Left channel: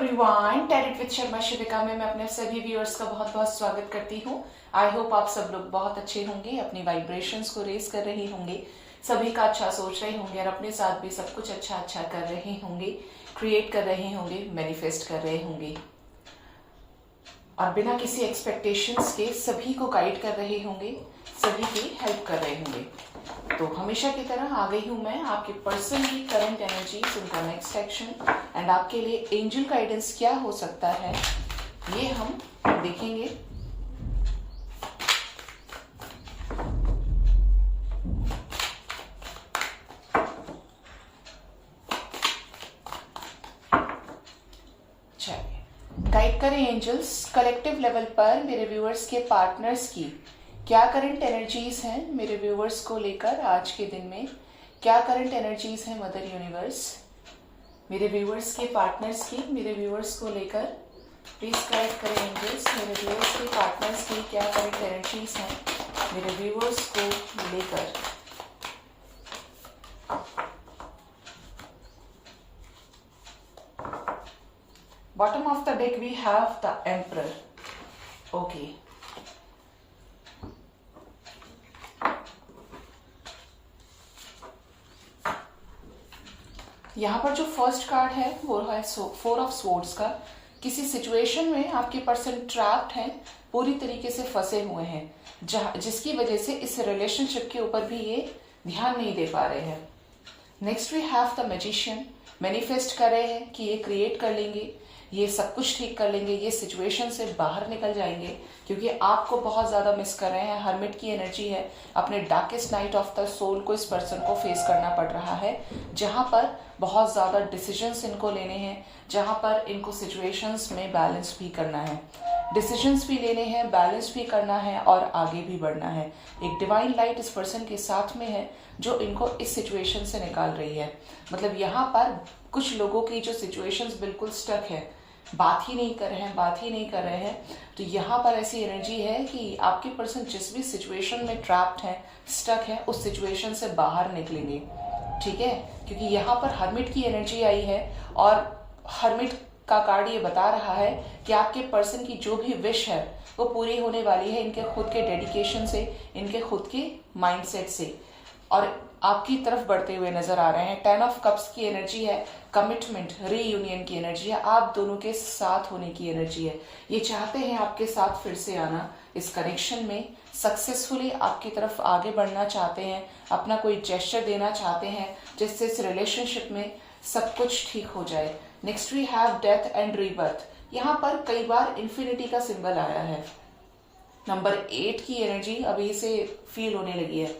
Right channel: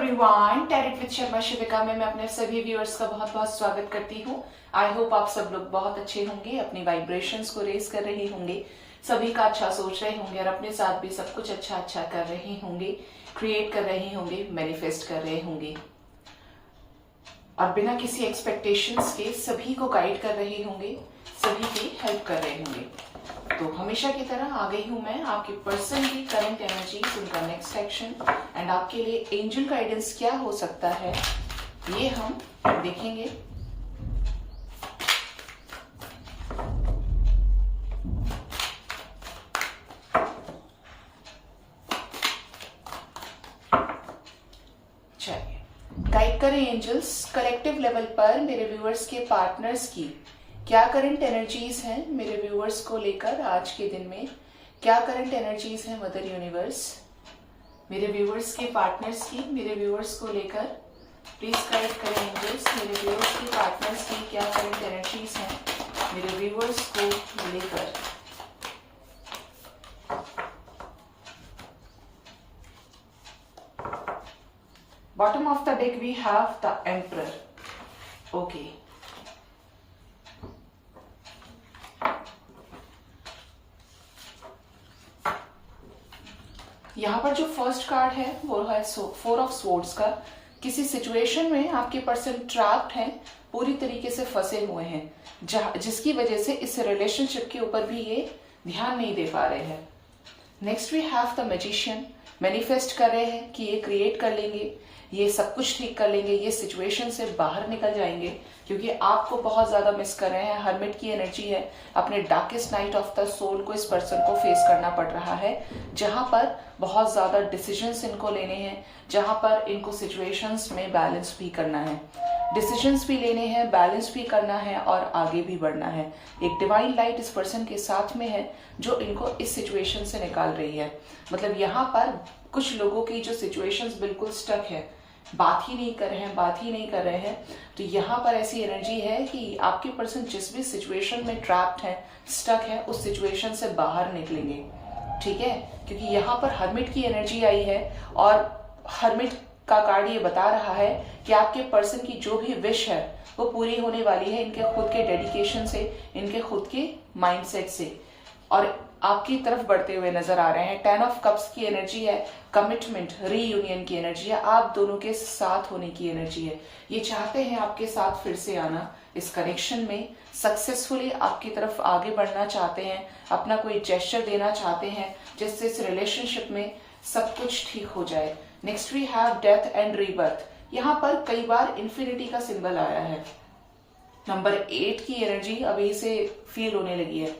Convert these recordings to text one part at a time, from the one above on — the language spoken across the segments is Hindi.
एवरीवन, टैरेट विद शर्मा शिविका में मैं अपने सभी व्यूअर्स का बहुत बहुत स्वागत करती हूँ। आई होप आप सब लोग बहुत अच्छे होंगे, अपनी वाइब्रेशंस को रेज कर रहे होंगे, सभी का अच्छा सोच रहे होंगे और अपने साथ भी सब कुछ अच्छा अच्छा कर रहे होंगे, क्रिएट कर रहे होंगे, मैनिफेस्ट कर रहे होंगे और बिना किसी एक्सपेक्टेशंस के सभी को गाइड कर रहे होंगे, सभी की हेल्प कर रहे होंगे। तो हमेशा की तरह आ गई हूं मैं आपके पर्सन की करंट एनर्जी, उनका नेक्स्ट एक्शन एंड आपके लिए एंजल गाइडेंस क्या हो सकता है ये हम देखेंगे। चलिए गाइड करें एंजल्स, कलेक्टिव लेवल पर मेरे व्यूअर्स के पार्टनर्स की क्या करंट एनर्जीज हैं मेरे व्यूअर्स को लेकर आज के दिन में, क्या करंट एनर्जीज हैं मदर यूनिवर्स मेरे व्यूअर्स के पार्टनर्स की, मेरे व्यूअर्स को लेकर प्लीज गाइड करें एंजल्स। मेरे व्यूअर्स के पार्टनर्स की क्या करंट एनर्जीज हैं मेरे व्यूअर्स को लेकर। Bottom of the deck we have the emperor. Okay, यहाँ पर जो फर्स्ट कार्ड है वो है 4 ऑफ स्वॉर्ड्स का। किसी सिचुएशन में आपके पर्सन ट्रैप्ड हैं, पूरी तरीके से फंसे हुए हैं, जिसकी वजह से इस रिलेशनशिप के ऊपर भी ये ध्यान नहीं दे पा रहे हैं। Next we have the magician. Manifest कर रहे हैं कि ये क्रिएट कर लेंगे, ये सब कुछ ठीक कर लेंगे, ये सिचुएशन से बाहर निकल जाएंगे क्योंकि आपको बहुत ज्यादा मिस कर रहे हैं। हर्मिट की एनर्जी है, अपने darkest night of the soul को इस पर्सन को फेस करना पड़ रहा है, जहां पर बहुत ज्यादा डिसीजंस इनको लेने हैं, जहां पर इनको सिचुएशंस में बैलेंस भी करना है, डिसीजंस भी लेने हैं, बैलेंस भी करना है और आगे भी बढ़ना है। एक डिवाइन लाइट इस पर्सन के साथ में है जो इनको इस सिचुएशन से निकाल रही है। मतलब यहाँ पर कुछ लोगों की जो सिचुएशंस बिल्कुल स्टक है, बात ही नहीं कर रहे हैं, तो यहाँ पर ऐसी एनर्जी है कि आपके पर्सन जिस भी सिचुएशन में ट्रैप्ड है, स्टक है, उस सिचुएशन से बाहर निकलेंगे। ठीक है, क्योंकि यहाँ पर हर्मिट की एनर्जी आई है और हर्मिट का कार्ड ये बता रहा है कि आपके पर्सन की जो भी विश है वो पूरी होने वाली है, इनके खुद के डेडिकेशन से, इनके खुद के माइंडसेट से, और आपकी तरफ बढ़ते हुए नजर आ रहे हैं। 10 ऑफ कप्स की एनर्जी है, कमिटमेंट, रीयूनियन की एनर्जी है, आप दोनों के साथ होने की एनर्जी है। ये चाहते हैं आपके साथ फिर से आना, इस कनेक्शन में सक्सेसफुली आपकी तरफ आगे बढ़ना चाहते हैं, अपना कोई जेस्चर देना चाहते हैं जिससे इस रिलेशनशिप में सब कुछ ठीक हो जाए। Next we have death and rebirth. यहाँ पर कई बार इन्फिनिटी का सिंबल आया है, नंबर 8 की एनर्जी अभी से फील होने लगी है।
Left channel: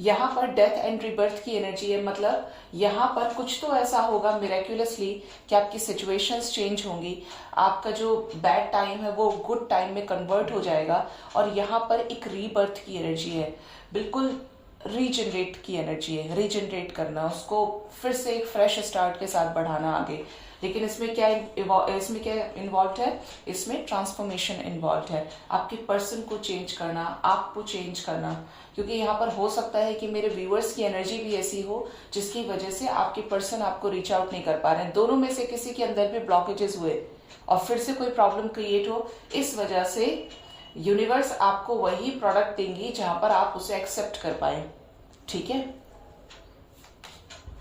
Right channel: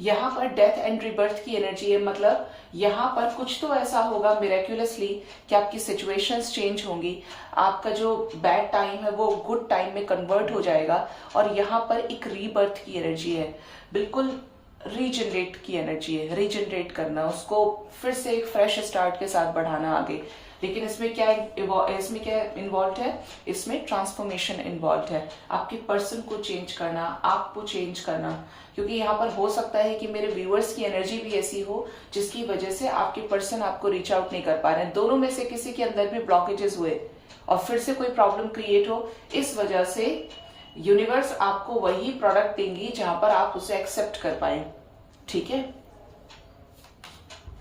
यहाँ पर डेथ एंड रीबर्थ की एनर्जी है, मतलब यहाँ पर कुछ तो ऐसा होगा मिरेक्युलसली कि आपकी सिचुएशंस चेंज होंगी, आपका जो बैड टाइम है वो गुड टाइम में कन्वर्ट हो जाएगा और यहाँ पर एक रीबर्थ की एनर्जी है, बिल्कुल रीजनरेट की एनर्जी है, रीजनरेट करना, उसको फिर से एक फ्रेश स्टार्ट के साथ बढ़ाना आगे। लेकिन इसमें क्या इन्वॉल्व है, इसमें ट्रांसफॉर्मेशन इन्वॉल्व है, आपके पर्सन को चेंज करना, आपको चेंज करना, क्योंकि यहाँ पर हो सकता है कि मेरे व्यूअर्स की एनर्जी भी ऐसी हो जिसकी वजह से आपके पर्सन आपको रीच आउट नहीं कर पा रहे हैं, दोनों में से किसी के अंदर भी ब्लॉकेजेस हुए और फिर से कोई प्रॉब्लम क्रिएट हो, इस वजह से यूनिवर्स आपको वही प्रोडक्ट देंगी जहां पर आप उसे एक्सेप्ट कर पाए। ठीक है,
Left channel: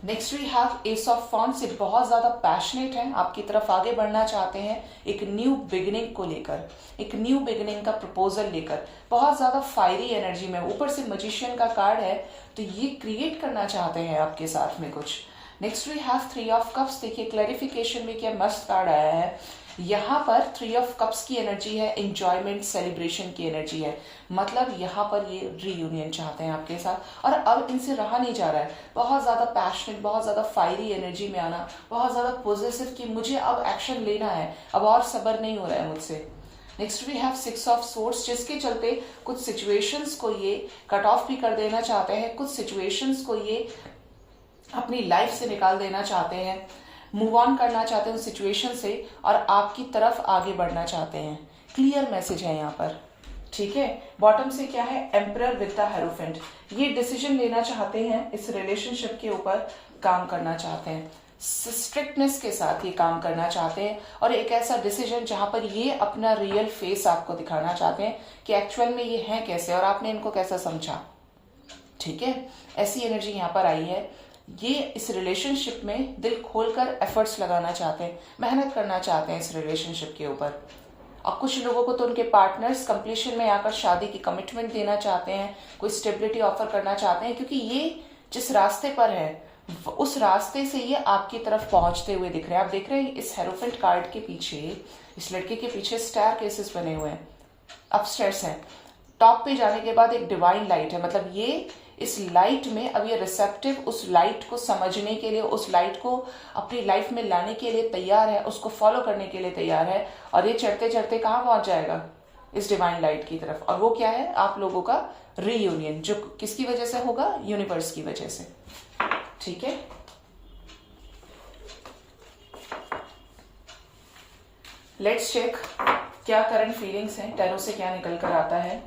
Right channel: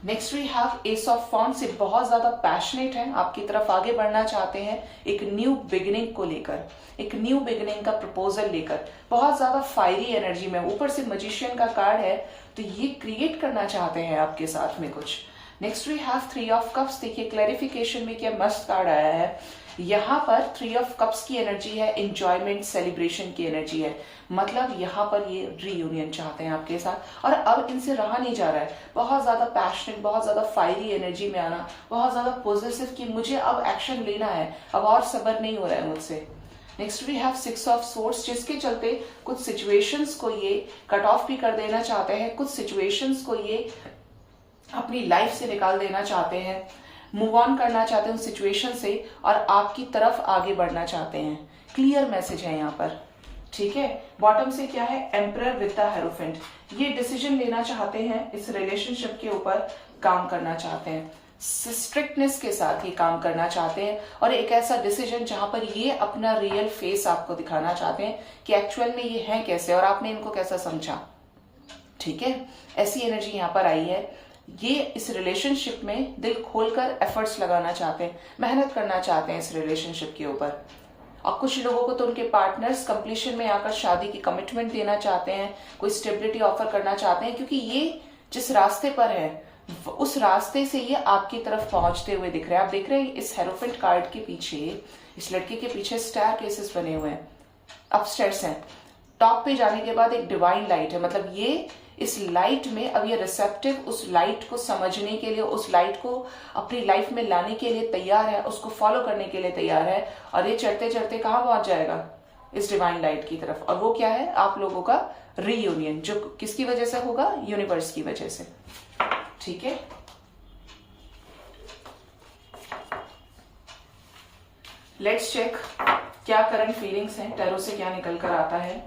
next we have ace of wands. से बहुत ज्यादा पैशनेट हैं, आपकी तरफ आगे बढ़ना चाहते हैं एक न्यू बिगिनिंग को लेकर, एक न्यू बिगिनिंग का प्रपोजल लेकर, बहुत ज्यादा फायरी एनर्जी में, ऊपर से मैजिशियन का कार्ड है तो ये क्रिएट करना चाहते हैं आपके साथ में कुछ। Next we have 3 of cups. देखिए क्लैरिफिकेशन में क्या मस्त कार्ड आया है, यहाँ पर 3 ऑफ कप्स की एनर्जी है, एंजॉयमेंट, सेलिब्रेशन की एनर्जी है, मतलब यहाँ पर ये रीयूनियन चाहते हैं आपके साथ और अब इनसे रहा नहीं जा रहा है, बहुत ज्यादा पैशनेट, बहुत ज्यादा फायरी एनर्जी में आना, बहुत ज्यादा पॉजिटिव कि मुझे अब एक्शन लेना है, अब और सब्र नहीं हो रहा है मुझसे। Next we have 6 of swords, जिसके चलते कुछ सिचुएशंस को ये कट ऑफ भी कर देना चाहते हैं, कुछ सिचुएशंस को ये अपनी लाइफ से निकाल देना चाहते हैं, मूव ऑन करना चाहते हैं उस सिचुएशन से और आपकी तरफ आगे बढ़ना चाहते हैं। क्लियर मैसेज है यहाँ पर। ठीक है, बॉटम से क्या है, एम्परर विद द हेरोफेंट। ये डिसीजन लेना चाहते हैं, इस रिलेशनशिप के ऊपर काम करना चाहते हैं, स्ट्रिक्टनेस के साथ ये काम करना चाहते हैं, और एक ऐसा डिसीजन जहां पर ये अपना रियल फेस आपको दिखाना चाहते हैं कि एक्चुअल में ये हैं कैसे और आपने इनको कैसा समझा। ठीक है, ऐसी एनर्जी यहाँ पर आई है। ये इस रिलेशनशिप में दिल खोलकर एफर्ट्स लगाना चाहते हैं, मेहनत करना चाहते हैं इस रिलेशनशिप के ऊपर। और कुछ लोगों को तो उनके पार्टनर्स कंप्लीशन में आकर शादी की कमिटमेंट देना चाहते हैं, कोई स्टेबिलिटी ऑफर करना चाहते हैं, क्योंकि ये जिस रास्ते पर है उस रास्ते से ये आपकी तरफ पहुंचते हुए दिख रहे हैं। आप देख रहे हैं इस हेरोफेंट कार्ड के पीछे, इस लड़के के पीछे स्टार केसेस बने हुए हैं, अपस्टेयर्स हैं। टॉप पे जाने के बाद एक डिवाइन लाइट है, मतलब ये इस लाइट में अब ये रिसेप्टिव उस लाइट को समझने के लिए, उस लाइट को अपनी लाइफ में लाने के लिए तैयार है, उसको फॉलो करने के लिए तैयार है। और ये चढ़ते चढ़ते कहाँ पहुंच जाएगा? इस डिवाइन लाइट की तरफ। और वो क्या है? आप लोगों का रीयूनियन, जो किसकी वजह से होगा? यूनिवर्स की वजह से। ठीक है, लेट्स चेक क्या करंट फीलिंग्स हैं, टैरो से क्या निकल कर आता है।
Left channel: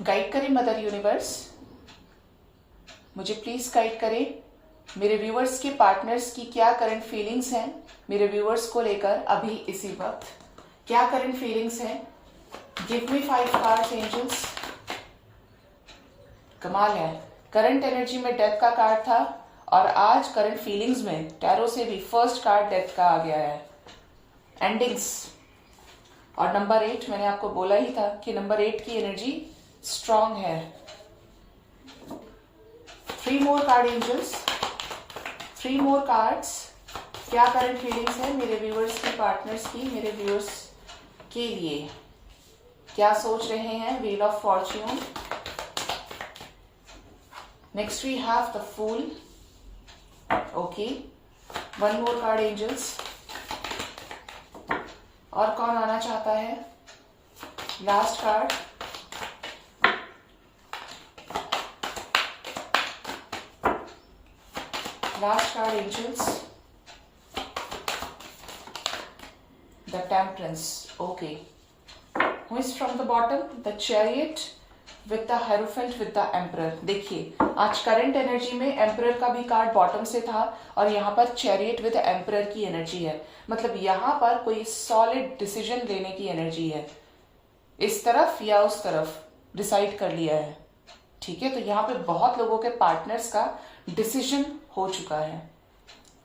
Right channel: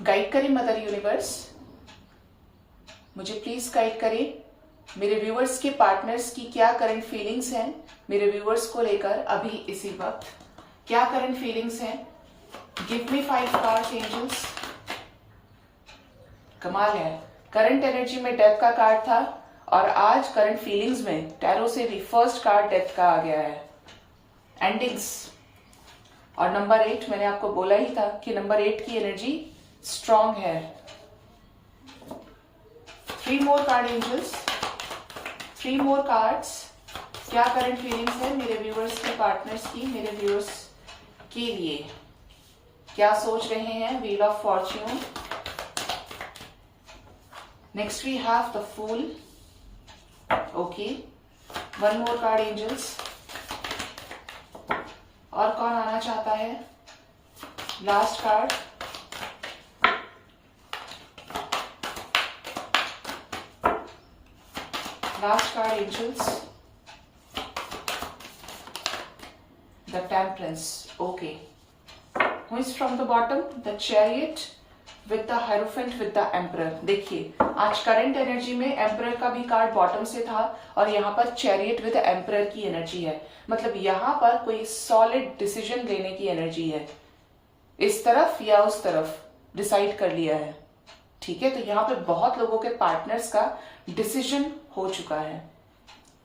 गाइड करें मदर यूनिवर्स, मुझे प्लीज गाइड करें। मेरे व्यूअर्स के पार्टनर्स की क्या करंट फीलिंग्स हैं मेरे व्यूअर्स को लेकर अभी इसी वक्त, क्या करंट फीलिंग्स हैं? Give me 5 cards angels. कमाल है, करंट एनर्जी में डेथ का कार्ड था और आज करंट फीलिंग्स में टैरो से भी फर्स्ट कार्ड डेथ का आ गया है, एंडिंग्स। और नंबर 8, मैंने आपको बोला ही था कि नंबर 8 की एनर्जी स्ट्रांग है। 3 मोर कार्ड एंजल्स, 3 मोर कार्ड्स। क्या करंट फीलिंग्स है मेरे व्यूअर्स के पार्टनर्स की, मेरे व्यूअर्स के लिए क्या सोच रहे हैं? Wheel of fortune. Next we have the fool. Okay, 1 more card angels. और कौन आना चाहता है? Last card. Last card angels, the temperance. Okay, who is from the bottom? The chariot with the hierophant with the emperor। देखिए, आज करंट एनर्जी में एम्परर का भी कार्ड बॉटम से था और यहाँ पर चैरियट विद एम्परर की एनर्जी है, मतलब यहाँ पर कोई सॉलिड डिसीजन लेने की एनर्जी है, इस तरफ या उस तरफ डिसाइड कर लिया है। ठीक है, तो यहाँ पे बहुत लोगों के पार्टनर्स का डिसीजन हो चुका है।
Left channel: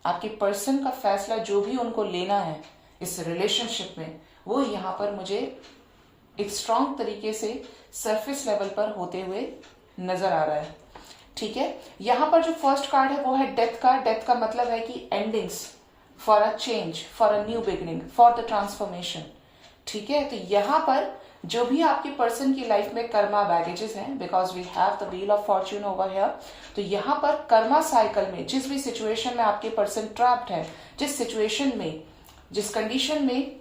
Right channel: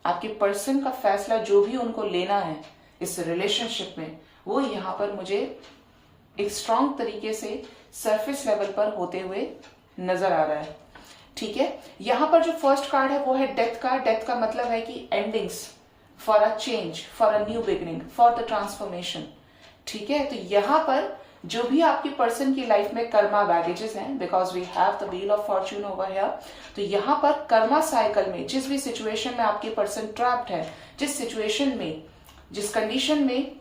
आपके पर्सन का फैसला जो भी उनको लेना है इस रिलेशनशिप में, वो यहाँ पर मुझे एक स्ट्रांग तरीके से सरफेस लेवल पर होते हुए नजर आ रहा है। ठीक है, यहां पर जो फर्स्ट कार्ड है वो है डेथ का। डेथ का मतलब है कि endings, for a change, for a new beginning, for the transformation. ठीक है, तो यहां पर जो भी आपकी पर्सन की लाइफ में कर्मा बैगेजेस हैं, because we have the wheel of fortune over here, तो यहां पर कर्मा साइकिल में जिस भी सिचुएशन में आपके पर्सन ट्रैप्ड है, जिस सिचुएशन में, जिस कंडीशन में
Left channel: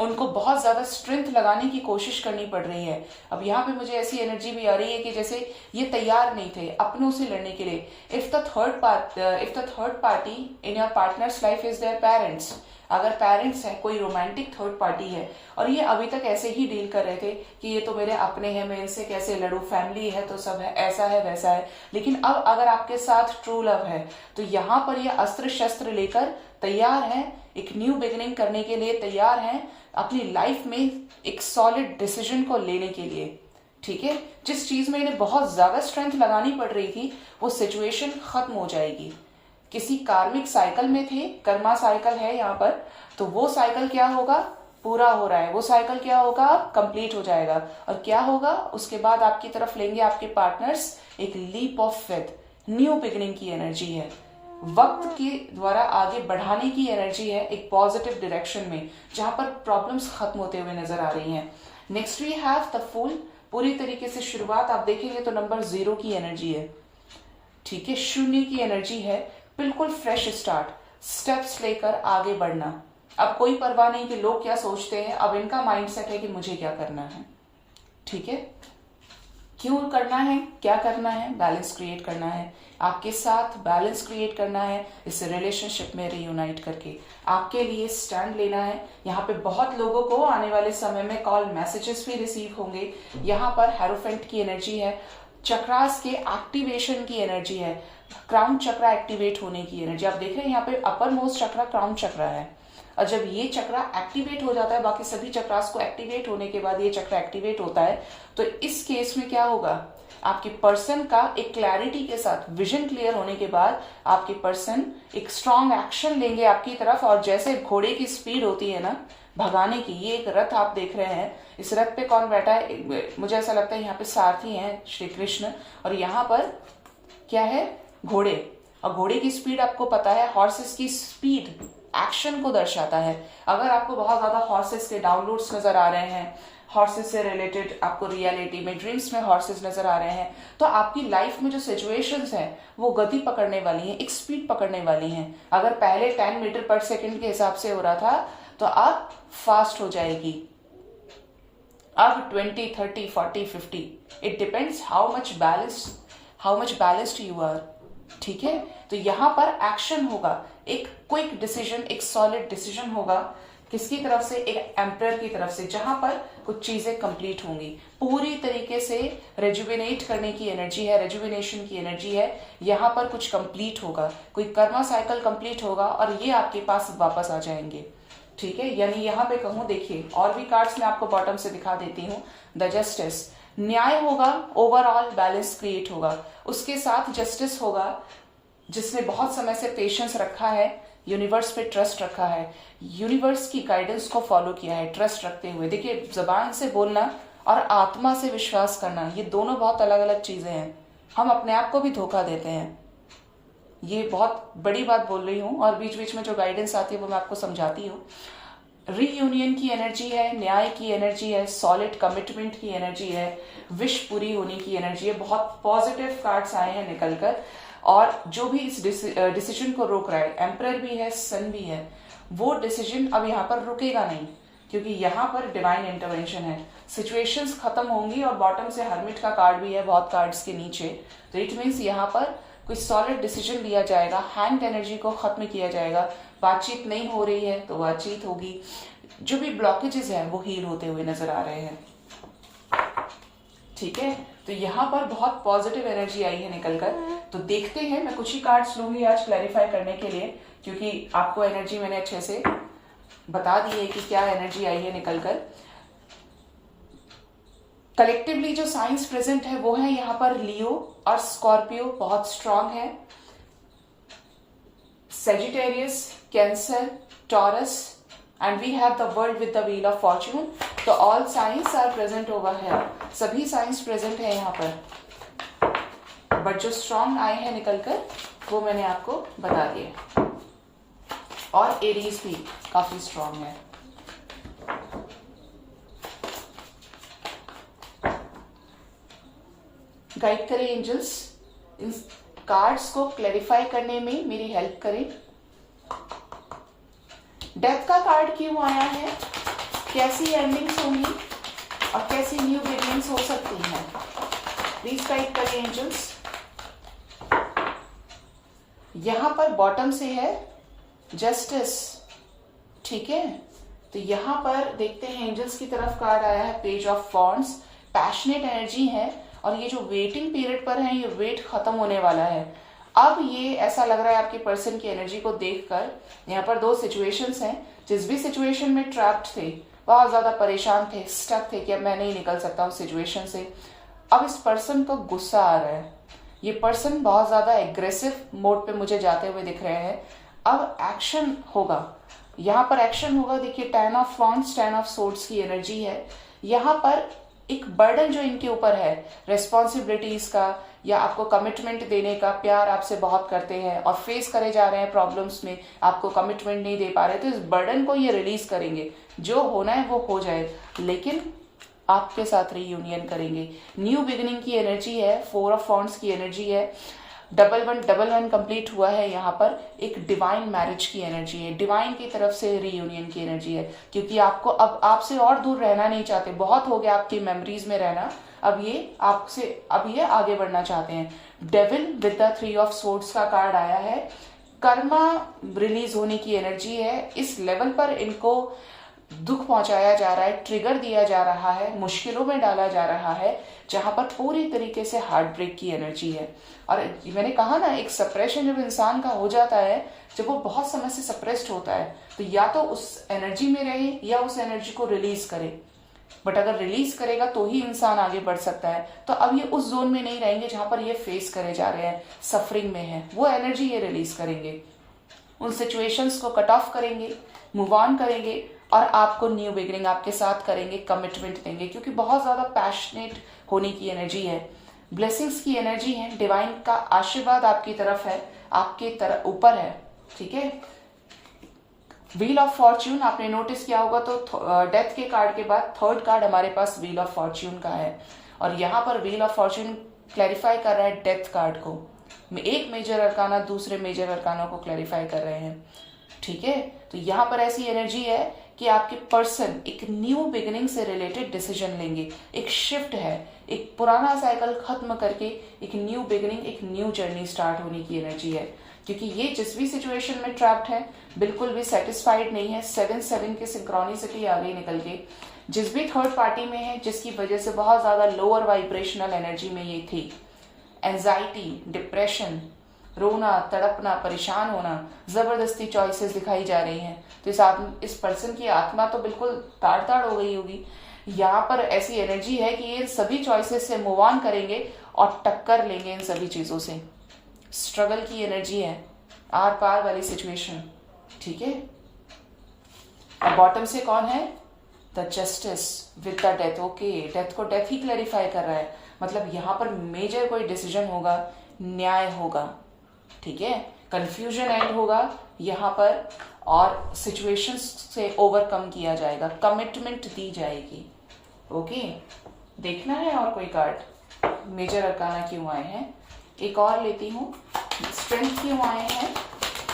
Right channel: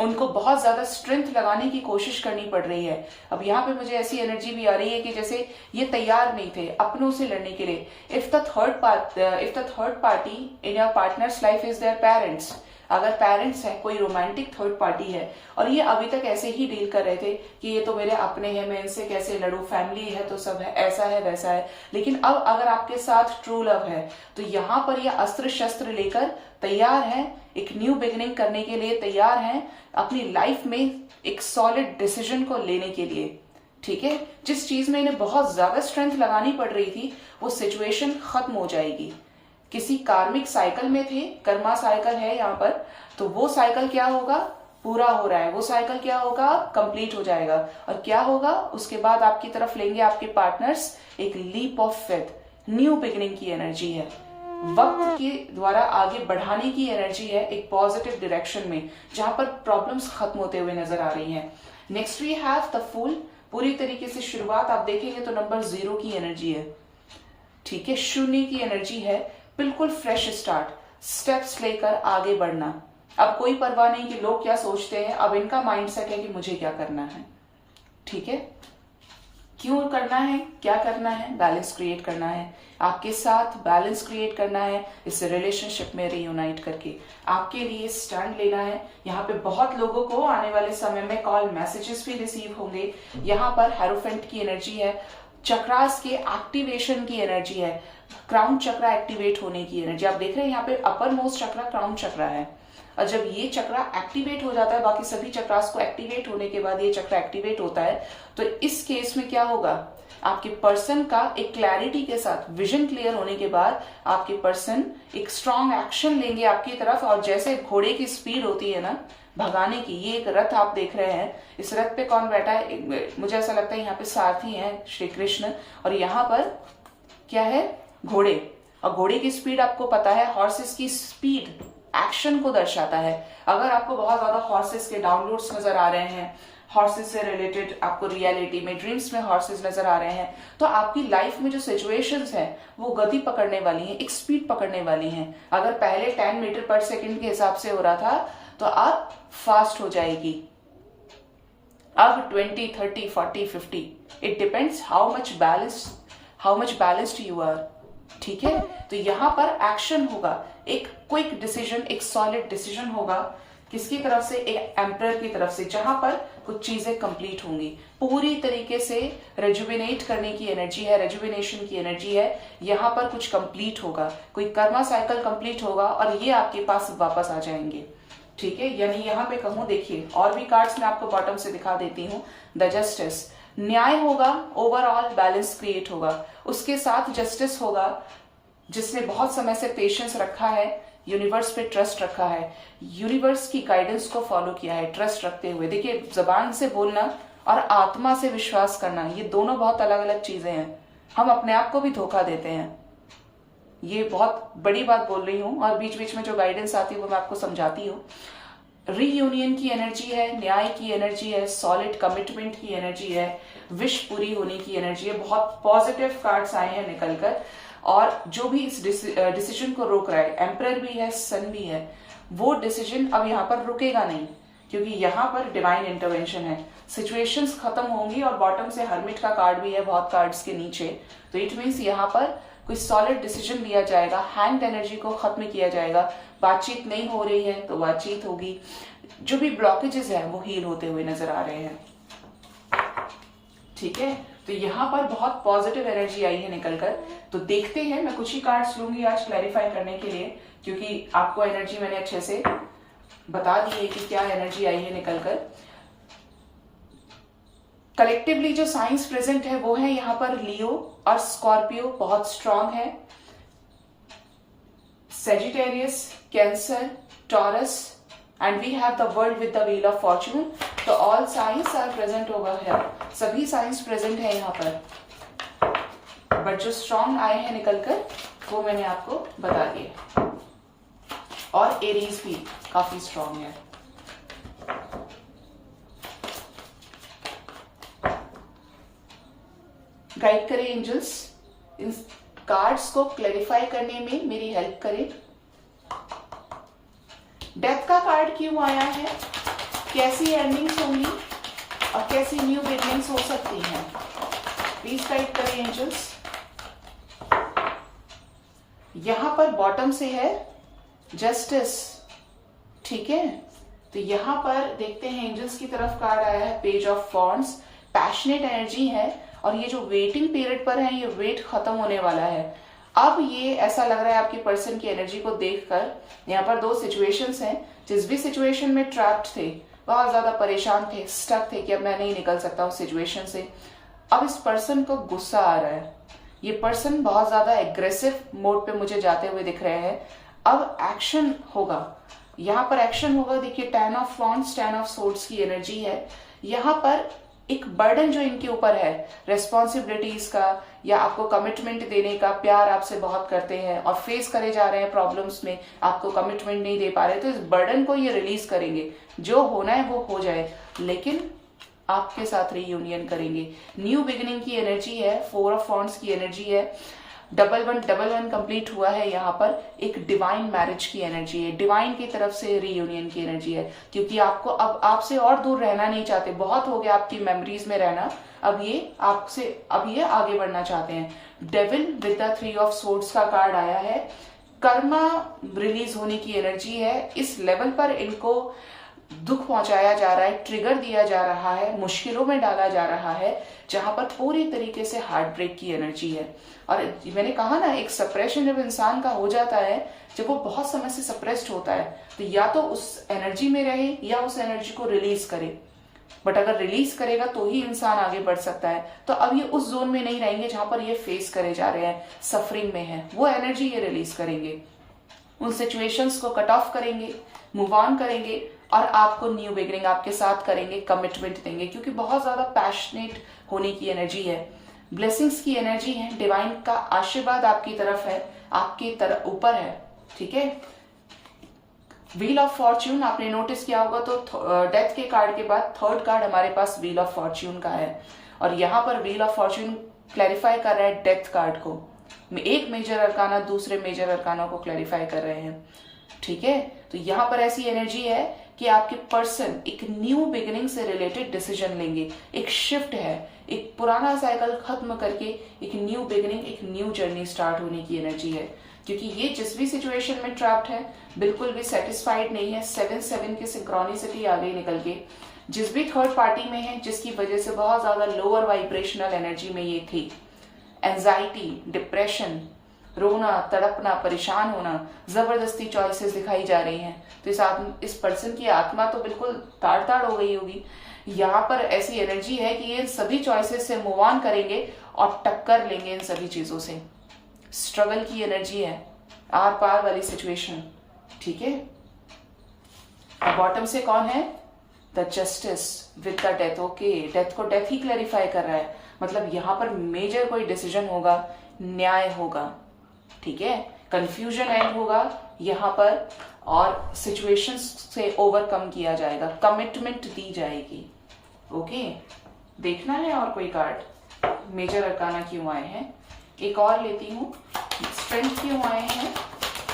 उनको बहुत ज्यादा स्ट्रेंथ लगाने की कोशिश करनी पड़ रही है, अब यहाँ पे मुझे ऐसी एनर्जी भी आ रही है कि जैसे ये तैयार नहीं थे अपनों से लड़ने के लिए। If the third party in your partners life is their parents, अगर पेरेंट्स है, कोई रोमांटिक थर्ड पार्टी है और ये अभी तक ऐसे ही डील कर रहे थे कि ये तो मेरे अपने हैं, मैं इनसे कैसे लड़ूं, फैमिली है तो सब है, ऐसा है वैसा है, लेकिन अब अगर आपके साथ ट्रू लव है तो यहाँ पर ये अस्त्र शस्त्र लेकर तैयार है, एक न्यू बिगिनिंग करने के लिए तैयार हैं, अपनी लाइफ में एक सॉलिड डिसीजन को लेने के लिए। ठीक है, जिस चीज में इन्हें बहुत ज्यादा स्ट्रेंथ लगानी पड़ रही थी वो सिचुएशन खत्म हो जाएगी। किसी कार्मिक साइकिल में थे, कर्मा साइकिल है यहाँ पर, तो वो साइकिल क्या होगा? पूरा हो रहा है। वो साइकिल क्या होगा? कंप्लीट हो जाएगा। और क्या होगा उसके बाद? आपकी तरफ लेंगे आपके पार्टनर्स एक leap of faith, new beginning की एनर्जी है, वक्त के द्वारा आगे बढ़ाने की एनर्जी है, एक पॉजिटिव डायरेक्शन में, जहां पर प्रॉब्लम्स खत्म होते हुए नजर आ रही हैं। Next we have the fool. पूरी तरीके से शुरुआत आप देखेंगे तो नंबर 0 की एनर्जी है। ठीक है, शून्य की एनर्जी है, बिल्कुल फ्रेश स्टार्ट, स्टेप्स लेकर आगे बढ़ना। अब कोई परवाह नहीं कि लोग क्या सोचते हैं, अब इनका माइंडसेट है कि मुझे क्या करना है। ठीक है, क्यों करना है, क्या करना है? बैलेंस क्रिएट करना है, आपके साथ बैलेंस क्रिएट करना है, इस रिलेशनशिप में रीयूनाइट करके आपके लिए स्टैंड लेना है। यहाँ पे बहुत लोगों को आने वाले समय में कॉल मैसेजेस भी रिसीव होंगे। यहाँ पर हेरोफेंट की एनर्जी है, चक्रास के एक्टिवेशन की एनर्जी है, क्राउन चक्रा एक्टिवेट होने की एनर्जी। आप देख रहे हैं यहाँ पे अपर मोस्ट चक्रा क्राउन चक्रा है, और जब ये चक्रा एक्टिवेट हो जाता है, बाकी सभी चक्रास को एक्टिवेट होने के बाद ये चक्रा एक्टिवेट होता है, तो इस केस में क्या होगा, आपके पर्सन का एक क्लैरिटी के साथ विजन क्लियर होने के बाद आपके पर्सन एक स्ट्रॉन्ग एक्शन लेंगे आपकी तरफ। और जैसे घोड़े की स्पीड होती है ना भगाने की, ये एक रथ आप देख रहे हैं, इस रथ पे कौन बैठा है? मुझे ऐसा लगता है यहाँ पे सारथी हैं श्री कृष्ण, और यहाँ पर क्या है? घोड़े। और घोड़े की स्पीड आपको पता है, हॉर्सेस की स्पीड एक्शन को दर्शाता है। अगर आपको बहुत ज्यादा हॉर्सेस के डाउनलोड्स नजर आ रहे हैं, हॉर्सेस से रिलेटेड आपको रियलिटी में ड्रीम्स में हॉर्सेस नजर आ रहे हैं, तो आपकी लाइफ में जो सिचुएशंस हैं वो गति पकड़ने वाली हैं, एक स्पीड पकड़ने वाली हैं। अगर पहले 10 मीटर पर सेकंड के हिसाब से हो रहा था तो अब फास्ट हो जाएगी, अब 20, 30, 40, 50, it depends how much balanced you are. ठीक है, तो यहां पर एक्शन होगा, एक क्विक डिसीजन, एक सॉलिड डिसीजन होगा। किसकी तरफ से? एक एम्परर की तरफ से, जहां पर कुछ चीजें कंप्लीट होंगी। पूरी तरीके से रेजुविनेट करने की एनर्जी है, रेजुविनेशन की एनर्जी है। यहां पर कुछ कंप्लीट होगा, कोई कर्मा साइकिल कंप्लीट होगा और ये आपके पास वापस आ जाएंगे। ठीक है, यानी यहां पे कहूं, देखिए और भी कार्ड्स मैं आपको बॉटम से दिखा देती हूँ। द जस्टिस, न्याय होगा, ओवरऑल बैलेंस क्रिएट होगा, उसके साथ जस्टिस होगा। जिसने बहुत समय से पेशेंस रखा है, यूनिवर्स पे ट्रस्ट रखा है, यूनिवर्स की गाइडेंस को फॉलो किया है ट्रस्ट रखते हुए। देखिए, जबान से बोलना और आत्मा से विश्वास करना, ये दोनों बहुत अलग अलग चीजें हैं। हम अपने आप को भी धोखा देते हैं, ये बहुत बड़ी बात बोल रही हूं, और बीच बीच में जो गाइडेंस आती है वो मैं आपको समझाती हूँ। रीयूनियन की एनर्जी है, न्याय की एनर्जी है, सॉलिड कमिटमेंट की एनर्जी है, विश पूरी होने की एनर्जी है। बहुत पॉजिटिव कार्ड्स आए हैं निकलकर, और जो भी इस डिसीजन को रोक रहा है, एम्परर भी है, सन भी है, वो डिसीजन अब यहाँ पर रुकेगा नहीं, क्योंकि यहाँ पर डिवाइन इंटरवेंशन है। सिचुएशंस खत्म होंगी, और बॉटम से हर्मिट का कार्ड भी है बहुत कार्ड्स के नीचे, तो इट मीन्स यहाँ पर कोई सॉलिड डिसीजन लिया जाएगा, हैंड एनर्जी को खत्म किया जाएगा। बातचीत नहीं हो रही है तो बातचीत होगी, जो भी ब्लॉकेजेस हैं वो हील होते हुए नजर आ रहे हैं। ठीक है, तो यहाँ पर बहुत पॉजिटिव एनर्जी आई है निकलकर। तो देखते हैं, मैं कुछ ही कार्ड्स लूंगी आज क्लैरिफाई करने के लिए, क्योंकि आपको एनर्जी मैंने अच्छे से बता दी है कि क्या एनर्जी आई है निकलकर। कलेक्टिवली जो साइंस प्रेजेंट है वो है यहाँ पर लियो और स्कॉर्पियो बहुत स्ट्रांग है, Sagittarius, cancer, taurus, and we have the world with the wheel of fortune. तो all signs are present over here, सभी साइंस प्रेजेंट है यहाँ पर, बट जो स्ट्रांग आए हैं निकलकर वो मैंने आपको बता दिए। और एरीज भी काफी स्ट्रांग है। गाइड करें एंजल्स, इन कार्ड्स को क्लैरिफाई करने में मेरी हेल्प करें। डेथ का कार्ड क्यों आया है, कैसी एंडिंग्स होंगी और कैसी न्यू बिगनिंग्स हो सकती हैं, प्लीज गाइड करें एंजल्स। यहां पर बॉटम से है जस्टिस। ठीक है, तो यहां पर देखते हैं एंजल्स की तरफ कार्ड आया है page of wands. Passionate energy है, और ये जो वेटिंग पीरियड पर है, ये वेट खत्म होने वाला है। अब ये ऐसा लग रहा है आपकी पर्सन की एनर्जी को देखकर, यहाँ पर दो सिचुएशंस हैं। जिस भी सिचुएशन में ट्रैप्ड थे, बहुत ज्यादा परेशान थे, स्टक थे कि अब मैं नहीं निकल सकता उस सिचुएशन से, अब इस पर्सन को गुस्सा आ रहा है। ये पर्सन बहुत ज्यादा एग्रेसिव मोड पे मुझे जाते हुए दिख रहे हैं। अब एक्शन होगा, यहाँ पर एक्शन होगा। देखिए, 10 ऑफ वॉन्ड्स, 10 ऑफ सोर्ड्स की एनर्जी है। यहाँ पर एक बर्डन जो इनके ऊपर है, रेस्पॉन्सिबिलिटीज का या आपको कमिटमेंट देने का, प्यार आपसे बहुत करते हैं और फेस करे जा रहे हैं प्रॉब्लम्स में, आपको कमिटमेंट नहीं दे पा रहे, तो इस बर्डन को ये रिलीज करेंगे। जो होना है वो हो जाए, लेकिन आपके साथ रीयूनियन करेंगे। न्यू बिगिनिंग की एनर्जी है, 4 ऑफ वॉन्ड्स की एनर्जी है। डबल वन कंप्लीट हुआ है। यहाँ पर एक डिवाइन मैरिज की एनर्जी है, डिवाइन की तरफ से रीयूनियन की एनर्जी है, क्योंकि आपको अब आपसे और दूर रहना नहीं चाहते, बहुत हो गया आपकी मेमोरीज में रहना, अब ये आगे बढ़ना चाहते हैं। Devil with the 3 of swords का कार्ड आया है, कर्मा रिलीज होने की एनर्जी है। इस लेवल पर इनको दुख पहुंचाया जा रहा है, ट्रिगर दिया जा रहा है, मुश्किलों में डाला जा रहा है, जहां पर पूरी तरीके से हार्ट ब्रेक की एनर्जी है। और मैंने कहा ना, एक सप्रेशन जब इंसान का हो जाता है, जब वो बहुत समय से सप्रेस्ड होता है, तो या तो उस एनर्जी में रहे या उस एनर्जी को रिलीज करे। बट अगर रिलीज करेगा तो ही इंसान आगे बढ़ सकता है। तो अब ये उस जोन में नहीं रहेंगे जहां पर ये फेस करे जा रहे हैं, सफरिंग में है, वो एनर्जी ये रिलीज करेंगे, उन सिचुएशंस को कट ऑफ करेंगे, मूव ऑन करेंगे और आपको न्यू बिगिनिंग आपके साथ करेंगे, कमिटमेंट देंगे, क्योंकि बहुत ज्यादा पैशनेट होने की एनर्जी है, ब्लेसिंग्स की एनर्जी है, डिवाइन का आशीर्वाद आपकी तरफ है, आपकी तरफ ऊपर है। ठीक है, व्हील ऑफ फॉर्च्यून आपने नोटिस किया होगा तो डेथ के कार्ड के बाद थर्ड कार्ड हमारे पास व्हील ऑफ फॉर्च्यून का है, और यहाँ पर व्हील ऑफ फॉर्च्यून क्लैरिफाई कर रहा है डेथ कार्ड को, एक मेजर अरकाना दूसरे मेजर अरकाना को क्लैरिफाई कर रहे हैं। ठीक है, तो यहाँ पर ऐसी एनर्जी है कि आपके पर्सन एक न्यू बिगिनिंग से रिलेटेड डिसीजन लेंगे, एक शिफ्ट है, एक पुराना साइकिल खत्म करके एक न्यू बिगिनिंग, एक न्यू जर्नी स्टार्ट होने की एनर्जी है, क्योंकि ये जिस भी सिचुएशन में ट्रैप्ड है बिल्कुल भी सेटिस्फाइड नहीं है। 7-7 की सिंक्रोनिसिटी आ गई निकल के, जिस भी थर्ड पार्टी में है, जिसकी वजह से बहुत ज्यादा लोअर वाइब्रेशनल एनर्जी में ये थी, एंजाइटी, डिप्रेशन, रोना, तड़पना, परेशान होना, जबरदस्ती चॉइसेस दिखाई जा रही हैं, तो इस पर्सन की आत्मा तो बिल्कुल ताड़ ताड़ हो गई होगी। यहाँ पर ऐसी एनर्जी है कि ये इन सभी चॉइसेस से मूव ऑन करेंगे और टक्कर लेंगे इन सभी चीजों से। स्ट्रगल की एनर्जी है, आर पार वाली सिचुएशन। ठीक है, और बॉटम से कौन है? The justice with the death. Okay, death को डेथ ही क्लैरिफाई कर रहा है, मतलब यहाँ पर मेजर कोई डिसीजन होगा, न्याय होगा। ठीक है, कंफ्यूजन एंड होगा यहाँ पर, और सिचुएशंस से ओवरकम किया जाएगा, कमिटमेंट दी जाएगी। ओके, देखना है और कोई कार्ड मेजर अरकाना क्यों आए हैं, एक और लेती हूँ, स्ट्रेंथ क्यों आए हैं,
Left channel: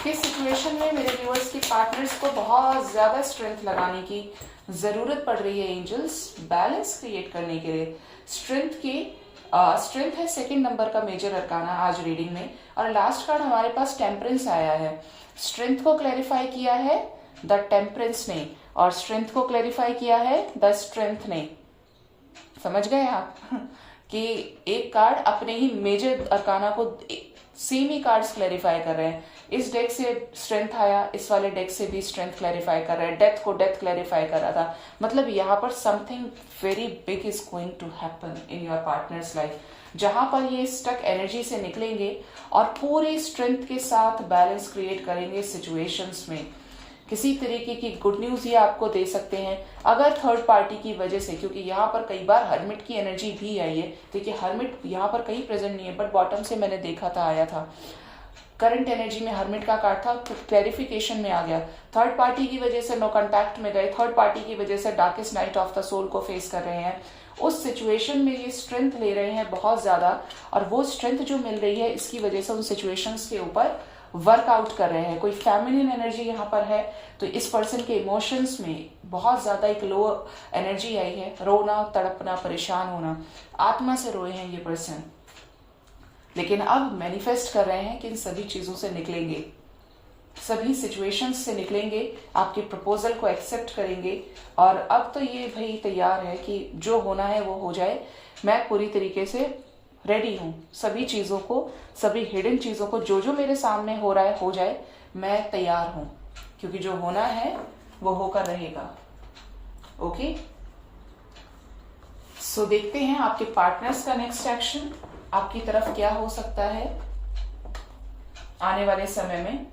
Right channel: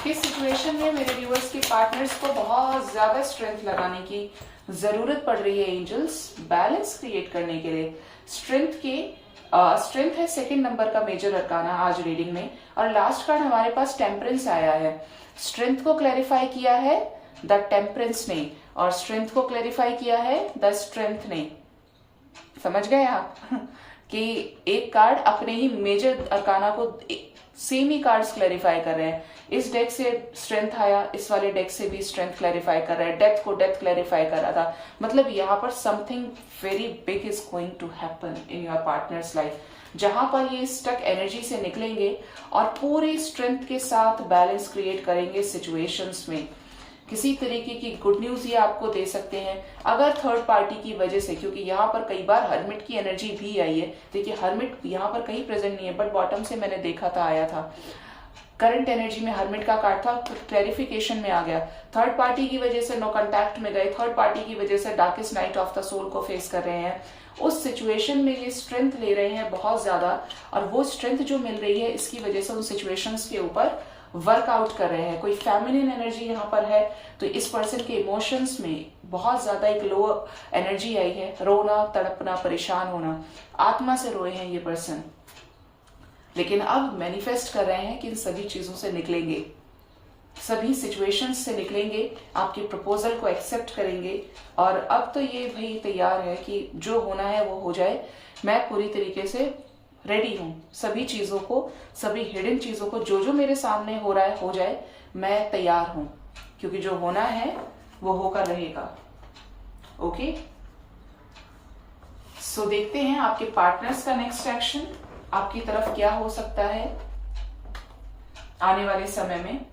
किस सिचुएशन में मेरे व्यूअर्स के पार्टनर्स को बहुत ज्यादा स्ट्रेंथ लगाने की जरूरत पड़ रही है एंजल्स, बैलेंस क्रिएट करने के लिए। स्ट्रेंथ है सेकंड नंबर का मेजर अरकाना आज रीडिंग में, और लास्ट कार्ड हमारे पास टेम्परेंस आया है। स्ट्रेंथ को क्लैरिफाई किया है द टेम्परेंस ने, और स्ट्रेंथ को क्लैरिफाई किया है द स्ट्रेंथ ने। समझ गए आप कि एक कार्ड अपने ही मेजर अरकाना को सेम ही कार्ड्स क्लैरिफाई कर रहे हैं। इस डेक से स्ट्रेंथ आया, इस वाले डेक से भी स्ट्रेंथ क्लैरिफाई कर रहा है, डेथ को डेथ क्लैरिफाई कर रहा था। मतलब यहाँ पर something very big is going to happen in your partners life, जहां पर ये स्टक एनर्जी से निकलेंगे और पूरी स्ट्रेंथ के साथ बैलेंस क्रिएट करेंगे सिचुएशंस में। किसी तरीके की गुड न्यूज ये आपको दे सकते हैं अगर थर्ड पार्टी की वजह से, क्योंकि यहाँ पर कई बार हर्मिट की एनर्जी भी आई है। देखिए हर्मिट यहाँ पर कहीं प्रेजेंट नहीं है, बट बॉटम से मैंने देखा था, आया था। करंट एनर्जी में हर्मिट का कार्ड था, क्लैरिफिकेशन में आ गया। थर्ड पार्टी की वजह से नो कॉन्टैक्ट में गए, थर्ड पार्टी की वजह से darkest night of the soul को फेस कर रहे हैं। उस सिचुएशन में ये स्ट्रेंथ ले रहे हैं बहुत ज्यादा, और वो स्ट्रेंथ जो मिल रही है इसकी वजह से उन सिचुएशंस के ऊपर वर्कआउट कर रहे हैं। कोई फेमिनिन एनर्जी यहाँ पर है, तो इस पर्सन के इमोशंस में बहुत ज्यादा एक लो एनर्जी आई है, रोना, तड़पना, परेशान होना, आत्मा से रोए हैं ये पर्सन। लेकिन अब मैनिफेस्ट कर रहे हैं कि इन सभी चीजों से निकलेंगे, सभी सिचुएशंस से निकलेंगे, आपके प्रपोजल को एक्सेप्ट करेंगे। और अब तो ये भाई तैयार है कि जो होना है वो हो जाए, मैं पूरी तरीके से रेडी हूं, सभी चीजों को, सभी हिडन चीजों को, जो जो मेरे सामने हो रहा है हो जाए, मैं तैयार हूं, क्योंकि जो होना है वो होकर रहेगा। ओके, सो देखते हैं आपके पार्टनर्स का नेक्स्ट एक्शन आपकी तरफ क्या हो सकता है आने वाले समय में।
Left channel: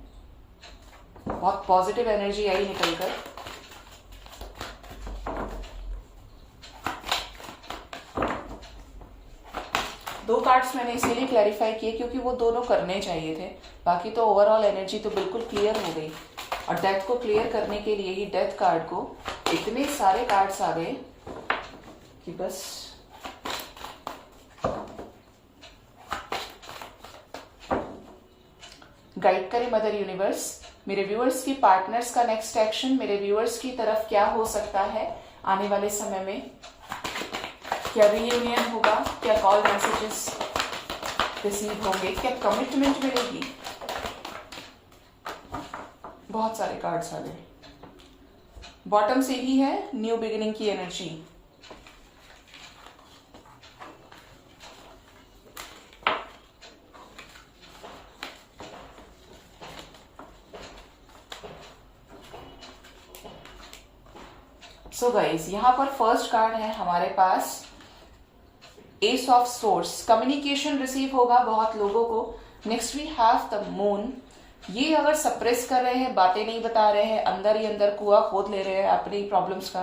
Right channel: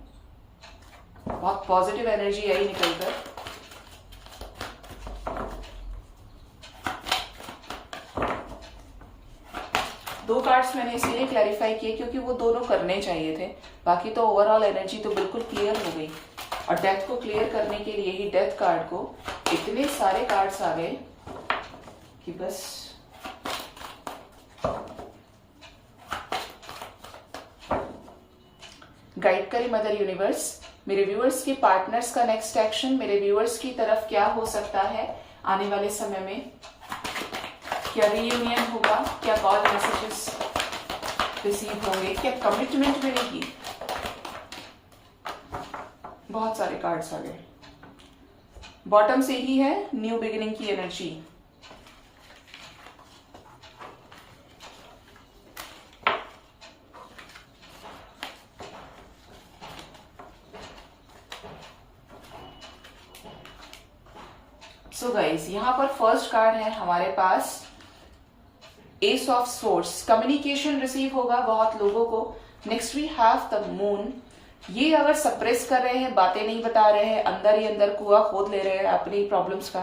बहुत पॉजिटिव एनर्जी आई निकलकर। दो कार्ड्स मैंने इसीलिए क्लैरिफाई किए क्योंकि वो दोनों करने चाहिए थे, बाकी तो ओवरऑल एनर्जी तो बिल्कुल क्लियर हो गई। और डेथ को क्लियर करने के लिए ही डेथ कार्ड को इतने सारे कार्ड्स आ गए कि बस गाइड करे मदर यूनिवर्स, मेरे व्यूअर्स की पार्टनर्स का नेक्स्ट एक्शन मेरे व्यूअर्स की तरफ क्या हो सकता है आने वाले समय में। क्या रीयूनियन होगा, क्या कॉल मैसेजेस रिसीव होंगे, क्या कमिटमेंट मिलेगी। बहुत सारे कार्ड्स आ गए। बॉटम से ही है न्यू बिगिनिंग की एनर्जी। सो गाइस, यहां पर फर्स्ट कार्ड है हमारे पास ace of swords. Communication receive होगा बहुत लोगों को। Next we have the moon. ये अगर सप्रेस कर रहे हैं, बातें नहीं बता रहे हैं, अंदर ही अंदर कुआं खोद ले रहे हैं अपनी प्रॉब्लम्स का,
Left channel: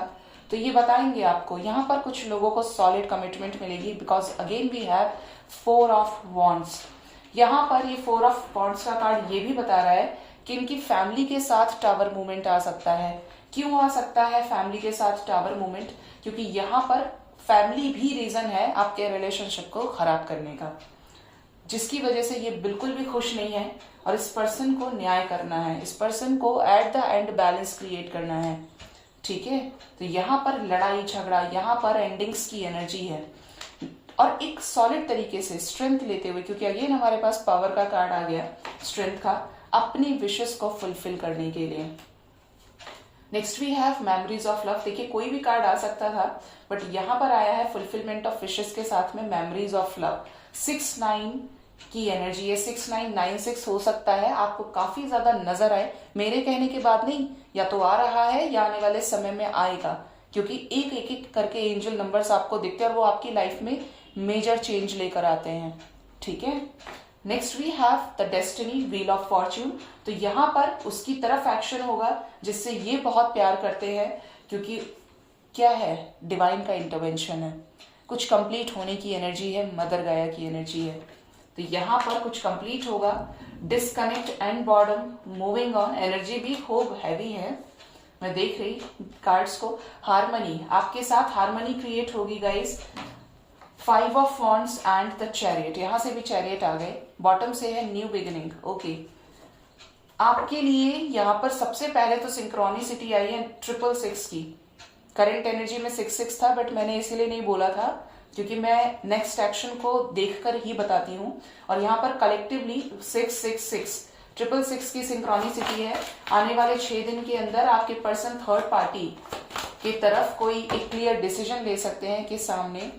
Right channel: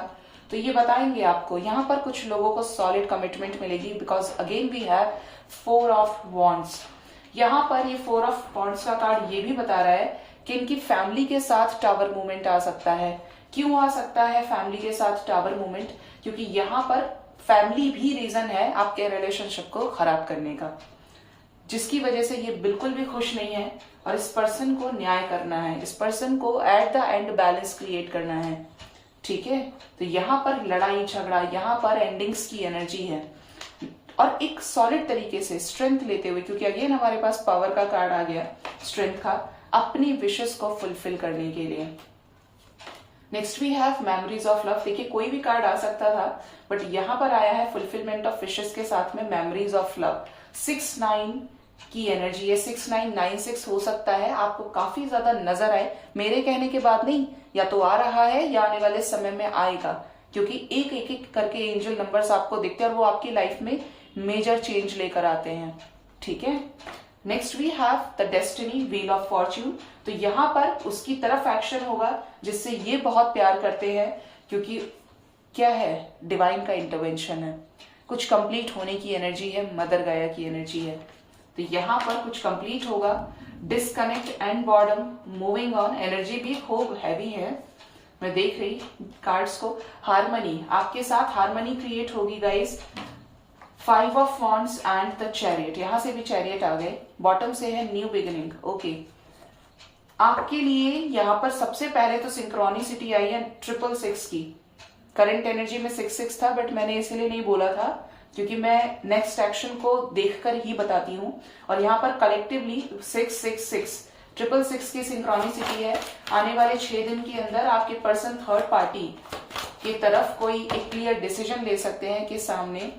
तो ये बताएंगे आपको। यहाँ पर कुछ लोगों को सॉलिड कमिटमेंट मिलेगी because again we have 4 of wands. यहाँ पर ये 4 ऑफ वॉन्ड्स का कार्ड ये भी बता रहा है कि इनकी फैमिली के साथ टावर मूवमेंट आ सकता है। क्यों आ सकता है फैमिली के साथ टावर मूवमेंट? क्योंकि यहाँ पर फैमिली भी रीजन है आपके रिलेशनशिप को खराब करने का, जिसकी वजह से ये बिल्कुल भी खुश नहीं है और इस पर्सन को न्याय करना है, इस पर्सन को at the end balance create करना है। ठीक है, तो यहाँ पर लड़ाई झगड़ा, यहाँ पर एंडिंग्स की एनर्जी है और एक सॉलिड तरीके से स्ट्रेंथ लेते हुए, क्योंकि अगेन हमारे पास पावर का कार्ड आ गया, स्ट्रेंथ का, अपनी विशेस को फुलफिल करने के लिए। Next we have memories of love. देखिए कोई भी कार्ड आ सकता था बट यहाँ पर आया है फुलफिलमेंट ऑफ विशेस के साथ में मेमोरीज ऑफ लव। 6-9 की एनर्जी है, 6996 हो सकता है आपको काफी ज्यादा नजर आए, मेरे कहने के बाद नहीं, या तो आ रहा है या आने वाले समय में आएगा, क्योंकि एक एक करके एंजल नंबर्स आपको दिखते हैं और वो आपकी लाइफ में मेजर चेंज लेकर आते हैं। ठीक है, next we have the destiny, wheel of fortune. तो यहाँ पर उसकी तरफ एक्शन होगा जिससे ये बहुत प्यार करते हैं, क्योंकि क्या है, डिवाइन का इंटरवेंशन है, कुछ कंप्लीट होने की एनर्जी है, मदर गाया की एनर्जी है। तो यहाँ पर कुछ कंप्लीट होगा। Disconnect and boredom, moving on, energy भी खूब हैवी है, मैं देख रही कार्ड्स को। हार्मनी, आपके साथ हार्मनी क्रिएट होगी guys. 5 of wands and the chariot, यहां से भी चैरियट आ गए। बॉटम से है न्यू बिगिनिंग। ओके, आपके लिए यहां पर सबसे पहले तो सिंक्रोनिसिटी आई है 666 की। करंट एनर्जी में 66 था बट मैंने इसीलिए नहीं बोला था क्योंकि मैं नेक्स्ट एक्शन को देखकर ही बताती हूँ। और यहाँ पर कलेक्टिवली 666 666 की सिंक्रोनिसिटी है। आने वाले 6 दिन के अंदर आपके पर्सन थर्ड पार्टी की तरफ कोई एक क्लियर डिसीजन ले सकते हैं कि सामने,